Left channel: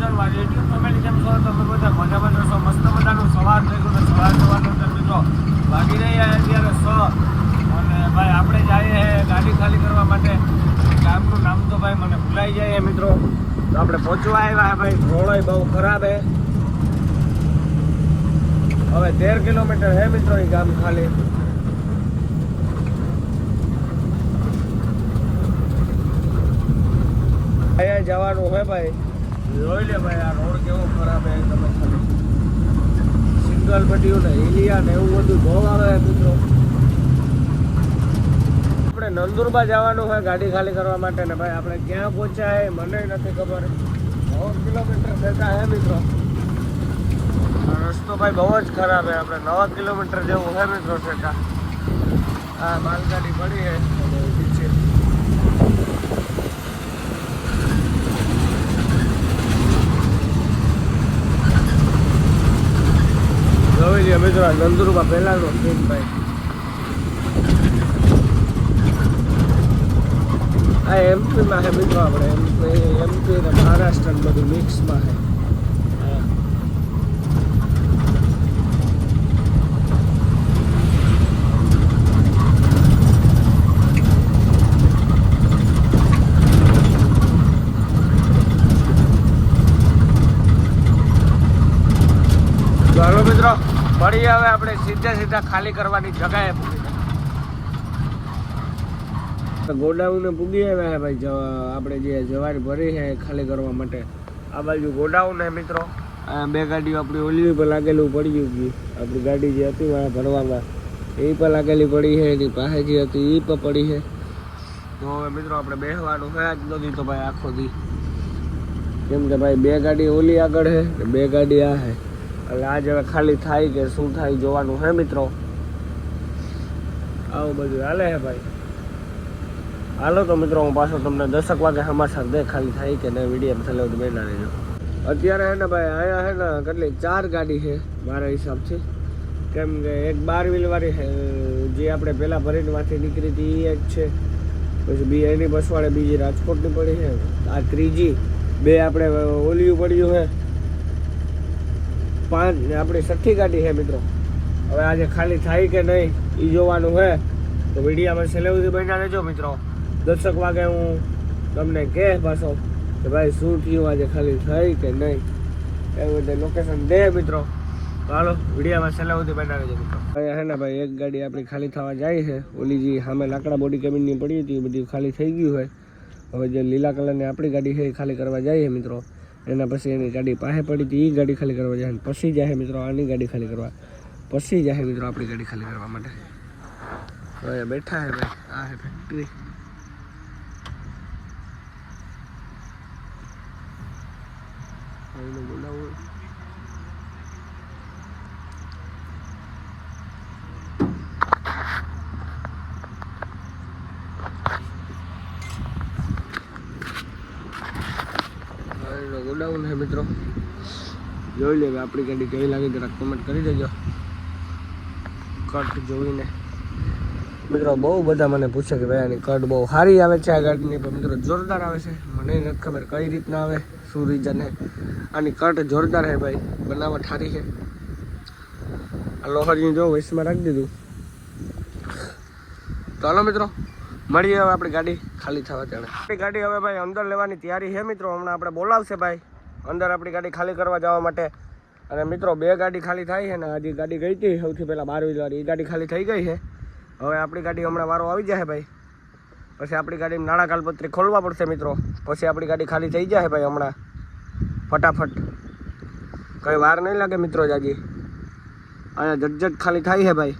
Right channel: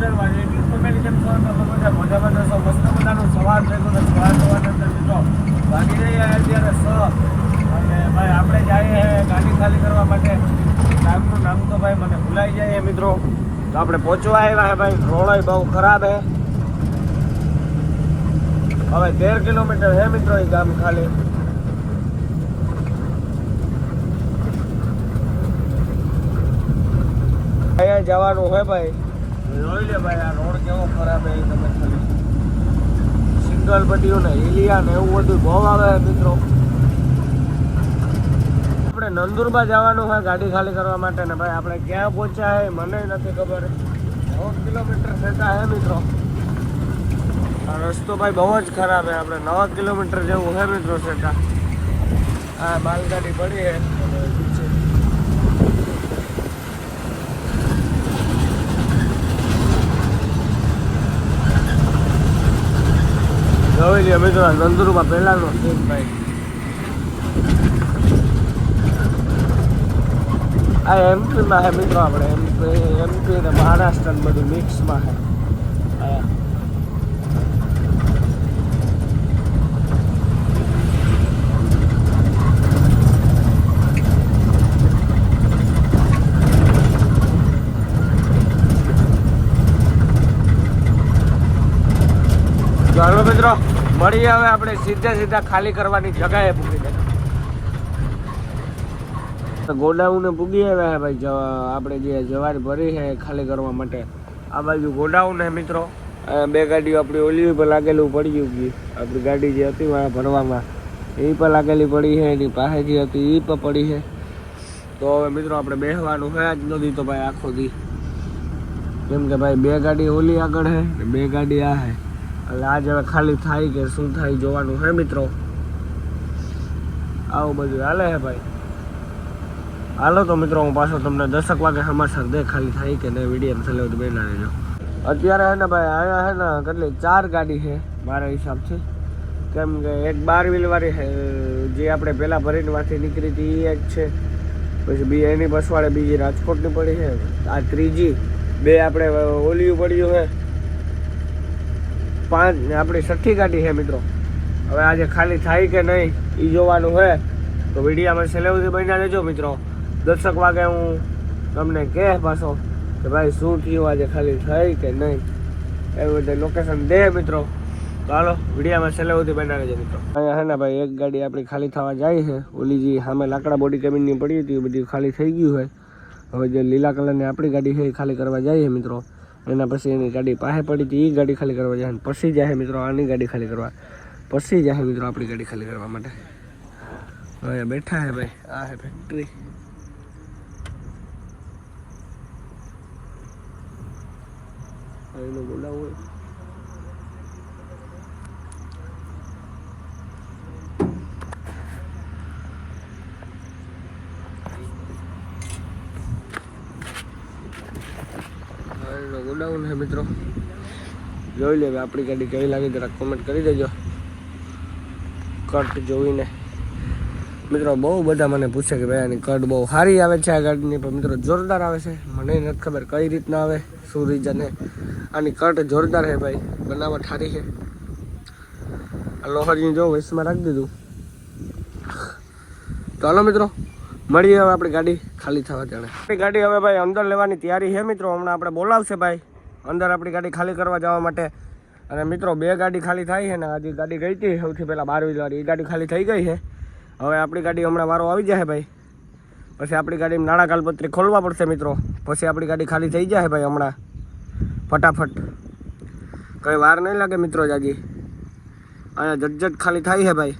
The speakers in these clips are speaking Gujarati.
કેમ છો તમે બધા મજામાં જશો મસ્ત મજાનો સવાર ને સવાર સવારની અંદર મિત્રો રહ્યા અત્યારે સ અને ભાઈ આપણે જઈએ છે ગાડી ખાલી કરવા માટે ગામનું નામ તો ભાઈ મને ભૂલાઈ જાય મિત્રો આપણે પહોંચવા આવ્યા છે ભાઈ રોડ બહુ ખરાબ હે હવે તેર કિલોમીટર હે મિત્રો એ ગામ ખાલી અહીંયા જવાનું હોય ભાઈ. જોઈ લે ભાઈ, આ રોડ કેવો ખરાબ એ તમે સિંગલ પટ્ટીઓ ને એલિયા ને એવું બધું બહુ આવે મિત્રો. આપણે નંદુરબા જવાનું હોય ગાડી ખાલી કરવા માટે ને ભાઈ, આપણે ક્યાં પહોંચ્યા એ મને નથી ખબર. દોઢ કિલોમીટર થતા હે, મિત્રો. રસ્તો ભાઈ બહુ જ ખરાબ છે. આપણે નવ કિલોમીટર જેવું હે, મિત્રો સેટા આ માલગાડી પડી છે જોઈ અમે તો નંદુરમાં પહેલાનો સીન ભાઈ આ એમપીમાં હે મિત્રો આપણે એમપી એમપી ને મહારાષ્ટ્ર બધું મિક્સમાં છે આ તો હવે મિત્રો મળીએ હવે આપણે સીધા સીધા ખાલી કરવાની જગાએ પૂરી ગોડાઉન ગોડાઉને પૂગી આવ્યા છે ભાઈ આપણે જે જવાર ભરી છે એ ખાલી કરવા માટે. આ બાજુ ગોડાઉન હે મિત્રો. બે ગાડીઓ આપણી ઓલી પર લાગેલું પડી ગયું આપણી ગાડી જે હતી ભરવામાં એ પર લાગેલી પડી છે એની પાસે જે હતી એ પણ પડી છે તો હવે મિત્રો આપણે બેસવાનું છે જ નથી તો ભાઈ આખો દી. કેમ કે ભાઈ બે ગાડી ઓલી આગળ છે બે ગાડી આ છે એટલે આજે હવે ખાલી થાય કે શું થાય જોવાનું હે મિત્રો? આવું બધું હાલે છે ભાઈ. હાલો તો મિત્રો, હું પાછો તમને દસક વાગે હમાસા દે ખાલી થાય કે નહીં વીડિયો ચાલે તો બેના લેજો અત્યારે હે ને ભાઈ, અહીંયા હે ને કેટલી ચાર ગાડી છે મારા હિસાબથી કેમ કે એક બાર વ્હીલવાળી છે, જે આપણે પહેલાં ભરીને માંથી નીકળી હતી એ જ છે. પછી બી એની બસવાળે બીજી રાજકોટની પડી છે. આ ત્રીજી, બે આપણે ઓલિયું પડ્યું છે. પાંચ ને આપણી છઠ્ઠી ગાડી છે મિત્રો. હવે આજે ખાલી થાય કે નહીં એ જોવાનું છે. તો વિડીયામાં છેલ્લે સુધી બન્યા મિત્રો. દર્શક વાગે હું તમને કહે પાછો કે ભાઈ શું થયું આજે ખાલી થઈ કે નહીં? એવું રીતે લોકેશન દે મિત્રો. હાલો વિડીયામાં છેલ્લે સુધી મિત્રો. અહીંયા હે ને ભાઈ, એક ગાડી આપણી ખાલી થવા જાય છે. ઓલી જે સામે લાકડા બોડી કેબિનની પડી હતી, એ બધી ખાલી થઈ ગયું હોય હવે જે લીલા કલરની આપણી ગાડી છે, એ ખાલી કરવા જઈએ મિત્રો. એના પછી એની ગાડી પાસે પડી હતી એ ગાડી ખાલી કરવા જાય પછી જાય મિત્રો, આની ગાડી ખાલી કરવા. પછી જાય મિત્રો આપણી ગાડી ખાલી કરવા માટે. હવે બેઠા હે ભાઈ, આ હે ફેક્ટરી એનું ગોડાઉન ગોડાઉન છે મિત્રો. જોઈ લે આપણી ગાડી કેવી લાગી જરાક કોમેન્ટ કરી દેજો. કટ જોઈને. મિત્રો, બહુ બધા મને પૂછે કે ભાઈ, આની કટ બહુ સારી આવે છે આ ગાડીની, પણ મિત્રો, જોરદાર આવે છે. મને નથી ખબર કઈ રીતના આવે, શું રીઝન આની કટ જોરદાર છે ભાઈ, બનાવટ સારી છે. આ લોહરીને જો વૈસમાં રાખી દીધું. ચાલો મિત્રો, મળીએ હવે આપણી ગાડી ખાલી થવા ત્યારે આપણી ગાડી હવે ભાઈ અંદર લેવાની તૈયારી છે મિત્રો, હમણાં આપણે બોલાવશે ભાઈ. અંદર આપણી ગાડી ખાલી કરવા જવા માટે. અને મિત્રો, બે ગાડી ખાલી થાય છે ને, આજે ગાડી ગઈ હતી, સૌથી પહેલાં બારવી વાળી. એ ગાડી ખાલી થઈ ગઈ છે. હવે આપણી ગાડી હમણાં વારો આવી જાય ભાઈ. પછી આપણી ગાડી નાણાં કાલપત્રી ખોલવા પડશે, મિત્રો. પછી આપણી ગાડી ખાલી થઈ જાય ભાઈ હમણાં. ફટાફટ. કંઈ વાર નહીં લાગે, મિત્રો જાજી અને જટજટ ખાલી થાય છે ભાઈ.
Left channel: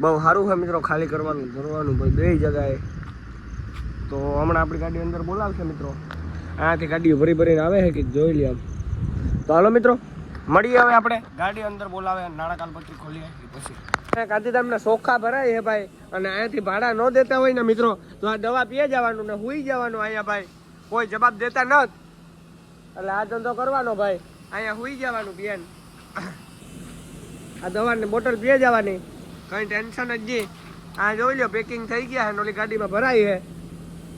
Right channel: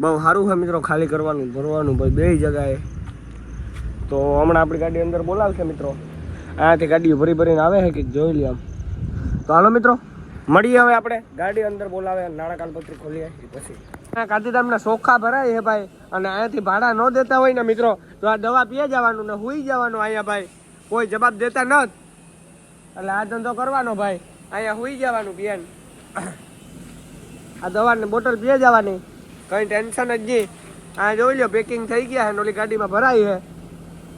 બહુ સારું છે, મિત્રો, ખાલી કરવાનું ભરવાનું ભાઈ, બે જગાએ. તો હમણાં આપણી ગાડી અંદર બોલાવશે, મિત્રો. અહીંયાથી ગાડીઓ ભરી ભરીને આવે છે કે જોઈ લઈએ આમ. તો હાલો મિત્રો, મળીએ આવે આપણે. ગાડી અંદર બોલાવે નાણાં કાલપત્રી ખોલીએ પછી. ગાંધીધામના સોખા ભરાય છે ભાઈ, અને અહીંયાથી ભાડા ન દેતા હોય ને મિત્રો, તો આ દવા પીએ જવાનું ને હુઈ જવાનું અહીંયા ભાઈ. કોઈ જવાબ દેતા ન એટલે આ ધંધો કરવાનો ભાઈ. અહીંયા હુઈ જવાનું બેન. આ દવાની બોટલ પીએ જવાની. કંઈ ટેન્શન જ નહીં. આ જોઈ લો, પેકિંગ થઈ ગયા છે ઓલી ગાડીમાં ભરાઈ છે.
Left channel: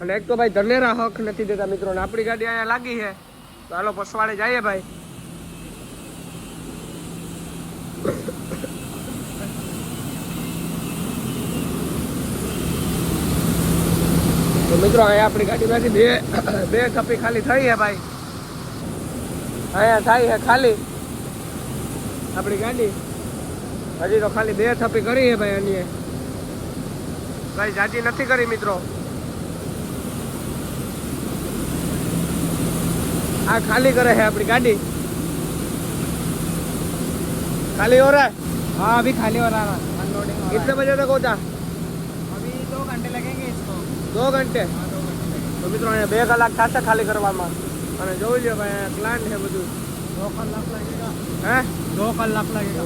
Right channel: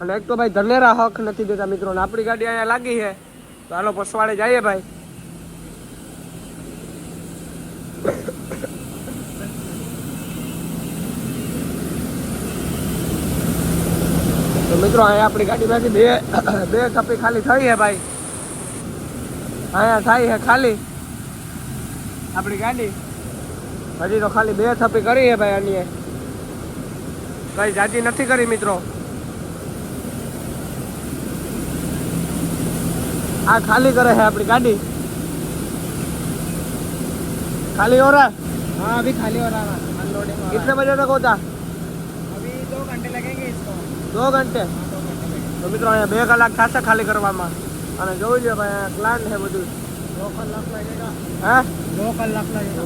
અને એક તો ભાઈ ધનેરા હક નથી દેતા મિત્રો ને આપણી ગાડી અહીંયા લાગી છે. તો હાલો પસવાડે જઈએ ભાઈ. તો મિત્રો, અહીંયા આપણી ગાડીમાંથી બે બે થપ્પી ખાલી થઈ છે ભાઈ. અહીંયા થઈ છે ખાલી. આપણી ગાડી. હજી તો ખાલી બે થપ્પી કરી છે ભાઈ આની કઈ જાતી નથી કરી મિત્રો. આ ખાલી કરે છે આપણી ગાડી खाली हो रहा है हाँ अभी खाली हो रहा है अनलोडिंग हो कितने बजे तक होता रहा है अभी दो घंटे लगेंगे इसको दो घंटे हाँ दो घंटे लगेंगे તો મિત્રો અહીંયા બે કલાક થશે ખાલી કરવામાં અને જોઈ લો ભાઈ અહીંયા પ્લાન્ટ છે બધું दो कलाक लगेगा હે दो कलाक लगेगा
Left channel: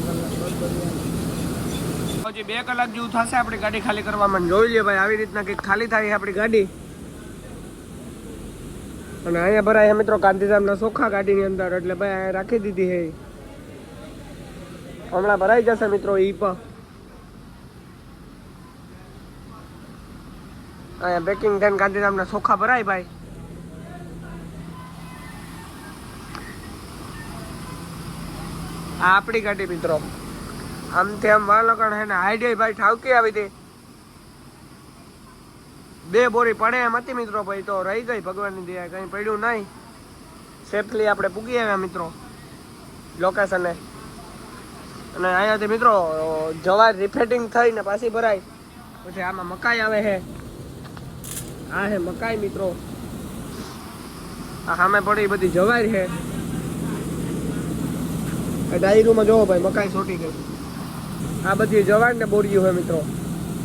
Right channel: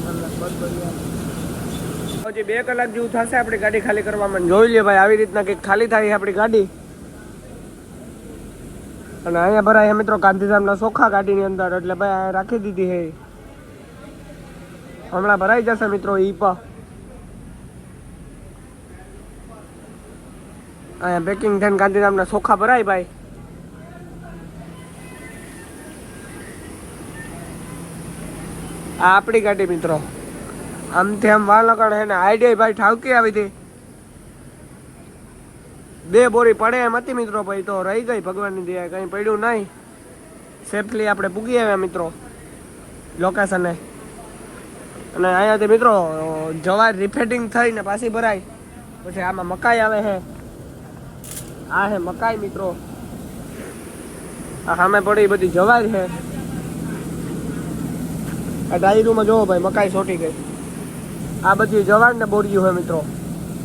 પછી બે કલાક જેવું થશે આપણી ગાડી ખાલી કરવામાં અને જોઈ લે ભાઈ આવી રીતના કંઈક ખાલી થાય છે આપણી ગાડી અને અહીંયા ભરાય મિત્રો ગાંધીધામના ચોખા ગાડીની અંદર, એટલે ભાઈ રાખી દીધી હે હમણાં ભરાઈ જશે મિત્રો ઈ પણ અહીંયા બેકિંગ થઈને ગાંધીધામના ચોખા ભરાય ભાઈ. આ આપણી ગાડી મિત્રો. આમથી આમ વાલકડ હે ને આઈડિયા ભાઈ ઠાવકી આવી હતી. બે બોરી પડે એમ હતી મિત્રો ભાઈ તો રહી ગઈ ભગવાનની દયા કંઈ પડ્યું નહીં. સેફલી આપણે પૂગી આવ્યા મિત્રો લોકેશને અને અહીંયાથી મિત્રો જવાર રિફેટિંગ થઈને પાછી ભરાય. પછી આમાં મકાઈ આવે છે. આ હે મકાઈ મિત્રો. આ સામે પડી બધી જવાય છે. આ ડાયરીમાં જોવો ભાઈ, મકાઈ સોટી ગઈ. આ બધી જવાન ને બોરીઓ હોય મિત્રો.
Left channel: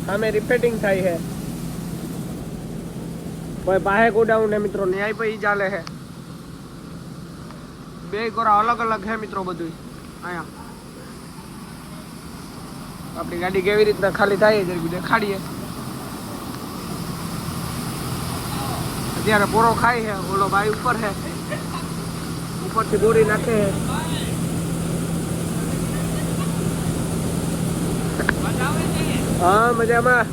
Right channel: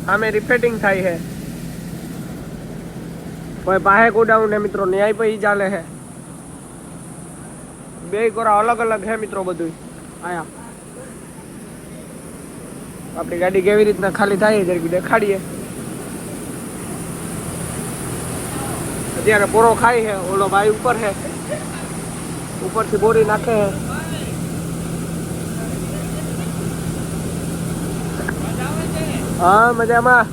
આમે રિફેટિંગ થાય છે. કોઈ બાહે ગોડાઉન ને મિત્રો ન્યાય પછી ચાલે હે. બે ગોરા અલગ અલગ હે મિત્રો બધું આયા. આપણી ગાડી કેવી રીતના ખાલી થાય જરીક દેખાડીએ. અત્યારે પોરો ખાય હે, ઓલો ભાઈ ઉપર છે ઉપરથી બોરી નાખે છે હા, મજામાં.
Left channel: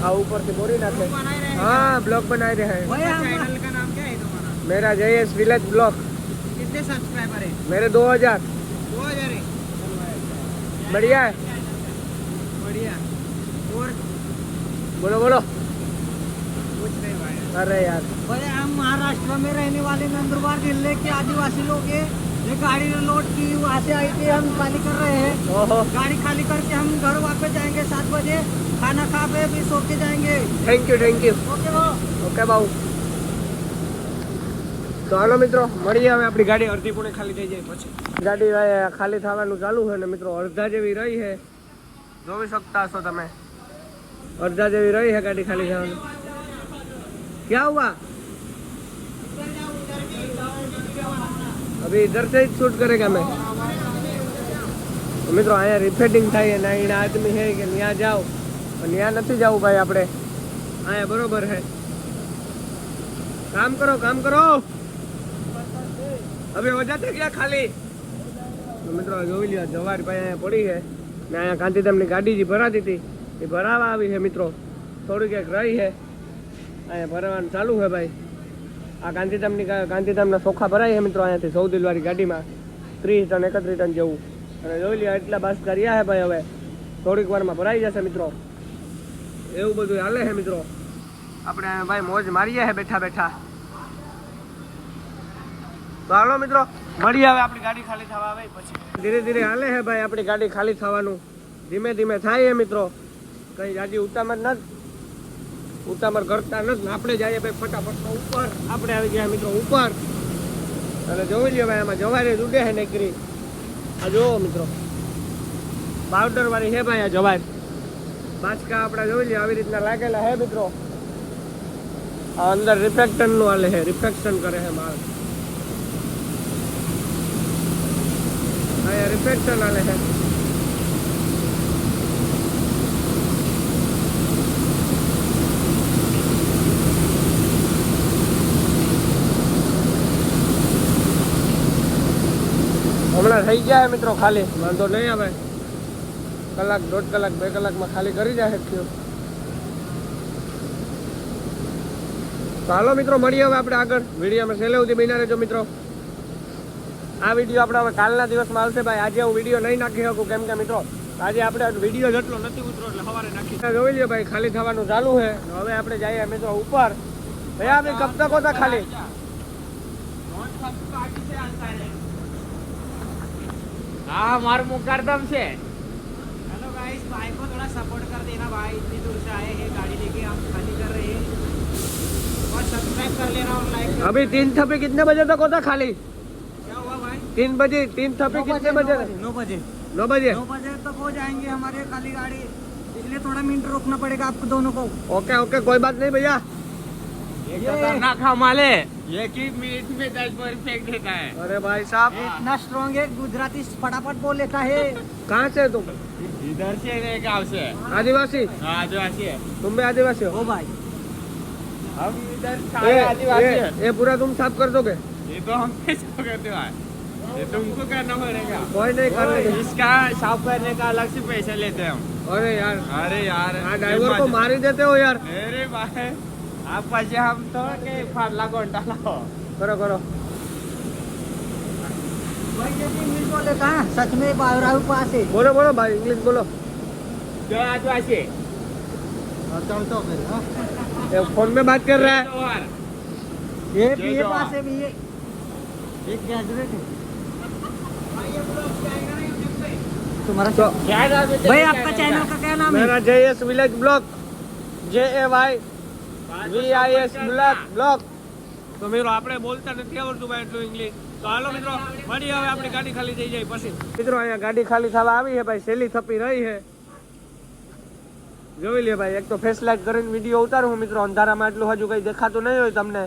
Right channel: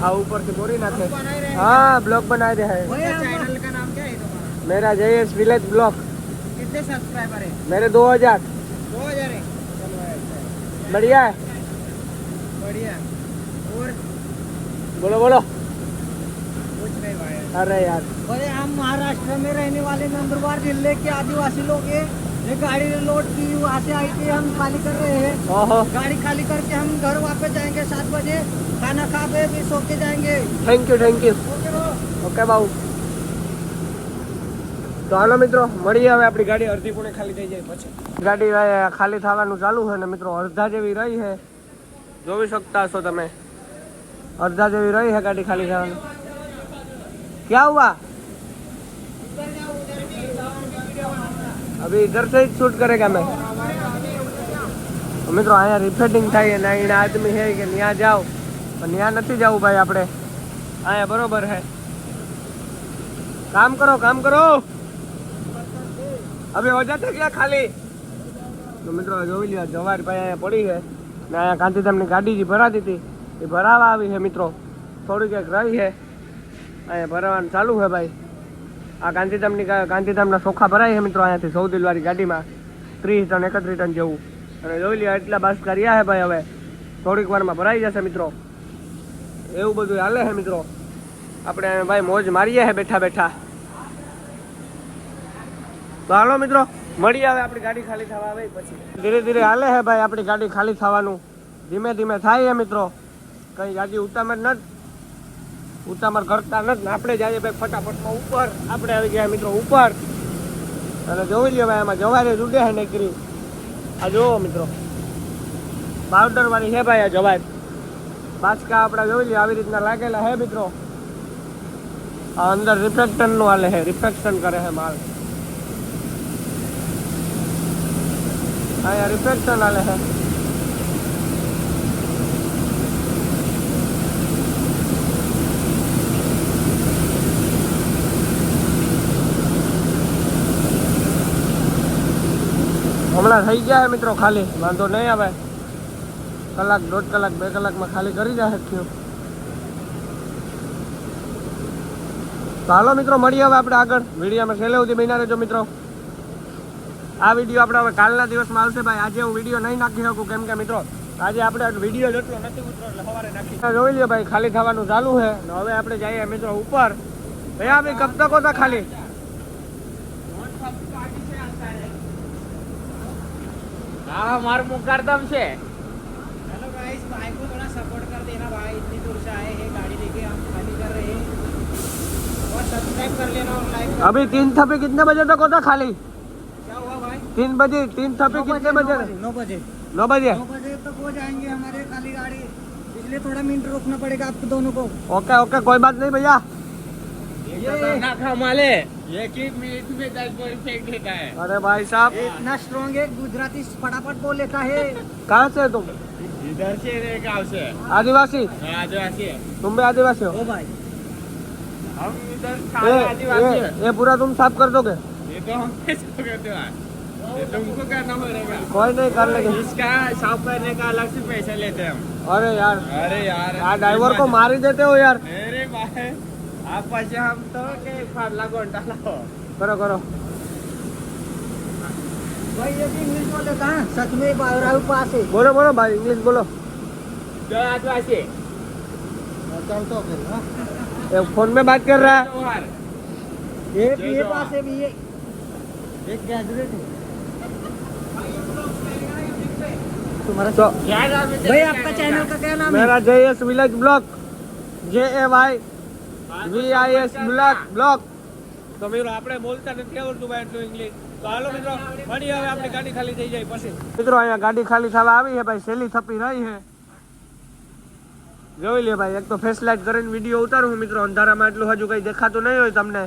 हाँ ऊपर से बोरी ना ब्लॉग बना रहे हैं। हाँ ब्लॉग बना रहे हैं। चैनल का नाम क्या है तुम्हारा? मेरा जयेश विलेज ब्लॉग। कितने सब्सक्राइबर है? मेरे दो हज़ार। दो हज़ार है। है। बढ़िया है। बढ़िया। और? बोलो बोलो। कुछ नहीं भाई। अरे यार। भाई हम महाराष्ट्र में रहने वाले नंदुरबार ज़िले के आदिवासी लोग हैं। ये गाड़ी लोड की वहाँ से आई थी हम खाली कर रहे हैं। हाँ हाँ। गाड़ी खाली करके हम घर वापस जाएँगे सात बजे। खाना खा पे भी सो के जाएंगे। Thank you thank you okay Babu okay Babu તો હાલો મિત્રો મળીએ હવે આપણી ગાડી અડધી પૂણે ખાલી થઈ જાય પછી. ગાડી ખાલી થવાનું ચાલુ છે ને મિત્રો અડધા જેવી રહી છે. જોઈ શકતા હશો તમે. અડધા જેવી રહી છે ગાડી ખાલી થવાની. ક્યાં હુઆ અભી ઇધર સે શૂટ કે અમે? મિત્રો અહીંયા રિફેટિંગ થાય અને અહીંયા આદમી છે કે ત્યાં જાઓ. પણ ત્યાં નથી જવું ભાઈ આપણે. હા બરોબર હે. કામ કરો કામ કરો. હવે ઓજા થઈ ગયા ખાલી. તો મિત્રો જોઈ લ્યો જવાર ભાઈ અહીંયા પડી છે. ને અહીંયા ગાંધીધામની ગાડી જે ભરાતી હતી એ ભરાવા આવી છે મિત્રો. થોડી ક્યાંક રહી છે. અહીંયા ભરાવાનું ચાલુ છે ભાઈ. આ ગાંધીધામની ગાંધીધામના ચોખા ભરાય છે મિત્રો અહીંયાથી સૌદિલવાળી ગાડીમાં. ત્રીસ ટન એકત્રીસ ટન જેવું. અને જોઈ લ્યો એટલા બસ કર્યા છે ભાઈ હવે. થોડીક વારમાં ભરાઈ જશે મિત્રો. એવું બધું હાલે છે મિત્રો. આપણે ભાઈ મોજ મારીએ છે બેઠા બેઠા. હાલો મિત્રો, મળીએ હવે આપણી ગાડી ખાલી થવા આવે પછી. ધીરે ધીરે હાલે છે ભાઈ આપણી ગાડી ખાલી થવાનું. ધીમે ધીમે થાય છે મિત્રો. કઈ ગાડી ઉતામળ ન ઉતામળ કરતા નથી આપણે જઈએ ભાઈ ફટાફટમાં ઉપર. આપણે આવી ગયા મિત્રો ઉપર. અને જોઈ લ્યો ભાઈ આમાં જવારે ઉડે છે નીકળી આ જોવો મિત્રો. પાવડર વાળી છે ભાઈ આ જવાર પાછકા આપણા જોઈ લઈએ આવી રીતના લાગેલા હે મિત્રો. આ અંદર રિફ્લેક્શનનું હાલે છે રિફ્લેક્શન કરે છે માલ. અહીંયા રિફ્લેક્શન હાલે છે હમણાં થઈ ગયા મિત્રો ખાલી, વાંધો નહીં આવે. કલાક, દોઢ કલાક, બે કલાકમાં ખાલી કરી જાય થયું. હાલો મિત્રો, મળીએ હવે આપણે આગળ. વિડીયોમાં છેલ્લે સુધી બન્યા રહેજો મિત્રો. આ વીડિયો આપણે હવે કાલના દિવસમાં આવશે ભાઈ. આજે હું વીડિયો નહીં નાખી શકું. કેમ કે મિત્રો, આજે આપણે વીડિયો જેટલો નથી ઉતરો એટલે સવારે નાખી જોઈ લે ભાઈ, ખાલી થવાનું ચાલુ છે. હવે આપણે જઈએ મિત્રો ઉપર. ભાઈ, આપણે કબ તક હતા ખાલી. હા, મારું મુકારદમ છે. हेलो गाइस भाई को थोड़ा सपोर्ट कर देना भाई इतनी दूर से आए हैं गाड़ी लेके हम खाली कर रहे हैं और सब्सक्राइब कर लेना और लाइक कर अभी तीन थपी कितने बजे तक होता खाली क्या हुआ भाई तीन बजे तीन थपी कितने बजे नौ बजे नौ बजे नौ बजे तक हो जाएंगे हमारे खाली गाड़ी इसलिए थोड़ा मिनट रोकना पड़ेगा आपको दोनों को ओके ओके कोई बात नहीं भैया ये खतरनाक हमारे ये की मिनट में दस बोरी फेंक देता है। अरे भाई साहब। इतना स्ट्रॉन्ग है गुजराती फटाफट बोल लेता है। कहाँ से है तुम? इधर से गाँव से आदिवासी? हाँ आदिवासी है। तुम भी आदिवासी हो? भाई। हम इधर ये ये ये पूरा तुम साफ़ कर दोगे? ये तो हम कैसे करते हैं। ये तुमको करना पड़ेगा। कोई नहीं कर लेंगे। इसका साफ़ करने का अलग से पैसा लेते हैं हम। अरे यार। अरे यार यार ड्राइवर को मार ही देते हो यार। अरे भाई। आप पैसे हम तो के खाला घंटा लाओ करो करो भाई ये भी इंग्लिश बोल लेता है सच में राहुल पास है बोलो बोलो भाई इंग्लिश बोलो जय आदिवासी चलता फिर हाँ ये फोन में बात कर रहा है त्योहार ये जय ये जवान। पास है भी ये एक ग्रेजुएट है तुम्हारा तो भाई आपका चैनल का क्या नाम है मेरा जे एस विलेज ब्लॉक જે એ વાય VIS block block તો મિત્રો આપણે બોલતા નથી. આવડતું ભાઈ એટલું ઇંગ્લિશ તો હાલો મિત્રો મળી હવે આપણી ગાડી ખાલી થઈ જાય પછી. મિત્રો અહીંયા ગાડી ખાલી થવા આવી છે ભાઈ. સેલી થપી રહી છે. જોઈ લે ભાઈ એક તો ફેસ લાઇટ કરીને વીડિયો ઉતારું મિત્રો. અંધારામાં એટલું હજુ કઈ દેખાતું નહીં હોય તમને.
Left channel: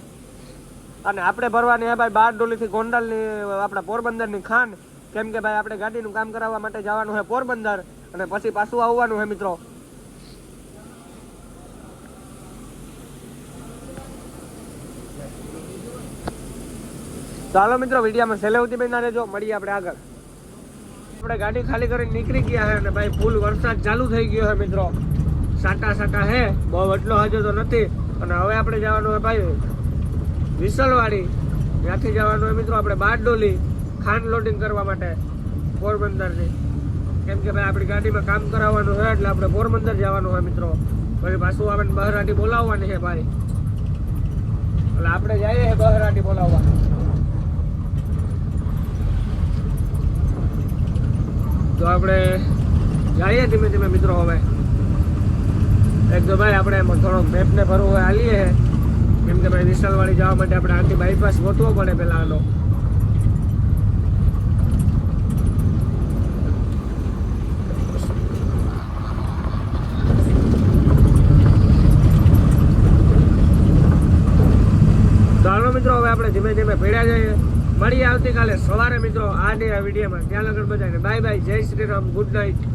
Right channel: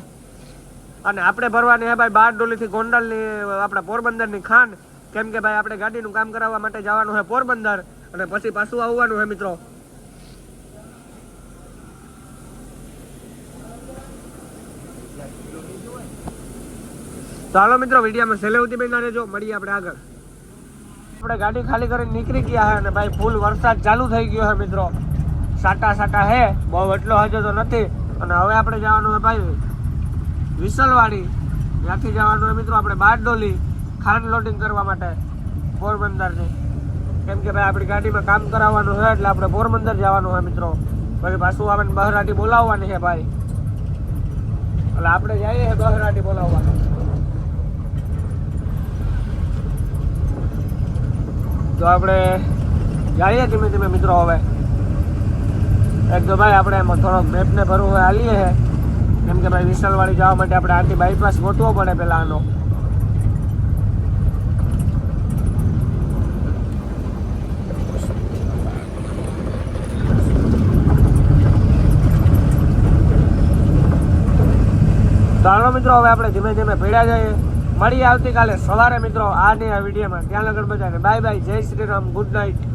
અને આપણે ભરવાની ભાઈ બાર ડોલીથી ગોંડલની આપણા પોરબંદરની ખાંડ કેમ કે ભાઈ આપણે ગાડીનું કામ કરાવવા માટે જવાનું હોય પોરબંદર. અને પછી પાછું આવવાનું છે મિત્રો. ચાલો મિત્રો, વિડીયામાં છેલ્લે બેન જો મળીએ આપણે આગળ. આપણે ગાડી ખાલી કરીને નીકળી ગયા હે અને ભાઈ ફૂલ વરસાદ ચાલુ થઈ ગયો હે મિત્રો. સાટા સાટા હે, બહુ એટલો હજુ તો નથી. અને હવે આપણે જવાનું હોય ભાઈ વિસલવાડી. ત્યાંથી જવાનું હોય મિત્રો આપણે બારડોલી, ખાંડ લોડિંગ કરવા માટે પોરબંદરથી. કેમ કે ભાઈ આપણી ગાડીમાં કામ કરાવવાનું છે એટલે આપણે પોરબંદર જવાનું હોય મિત્રો. પછી પાછું આપણે બહરાટી બોલાવવાની છે ભાઈ. એટલે આપણે જઈએ બહરાટી બોલાવવાની. તો આપણે જઈએ ધીમે ધીમે મિત્રો હવે. એક તો ભાઈ આપણે એમાં થોડોક મેપને ભરવું હાલીએ છે કેમ કે ભાઈ વિશાલવાડી જવા માટે આપણે આથી બાયપાસ ગોતવો પડે પેલા આનો ચાલો મિત્રો, હવે આપણે ધીમે ધીમે ભેડા જઈએ. મળીએ આવતીકાલે સવારે મિત્રો આ ને વિડીયોમાં. ત્યાં લગન બધાને. Bye bye. જય શ્રી રામ. Good night.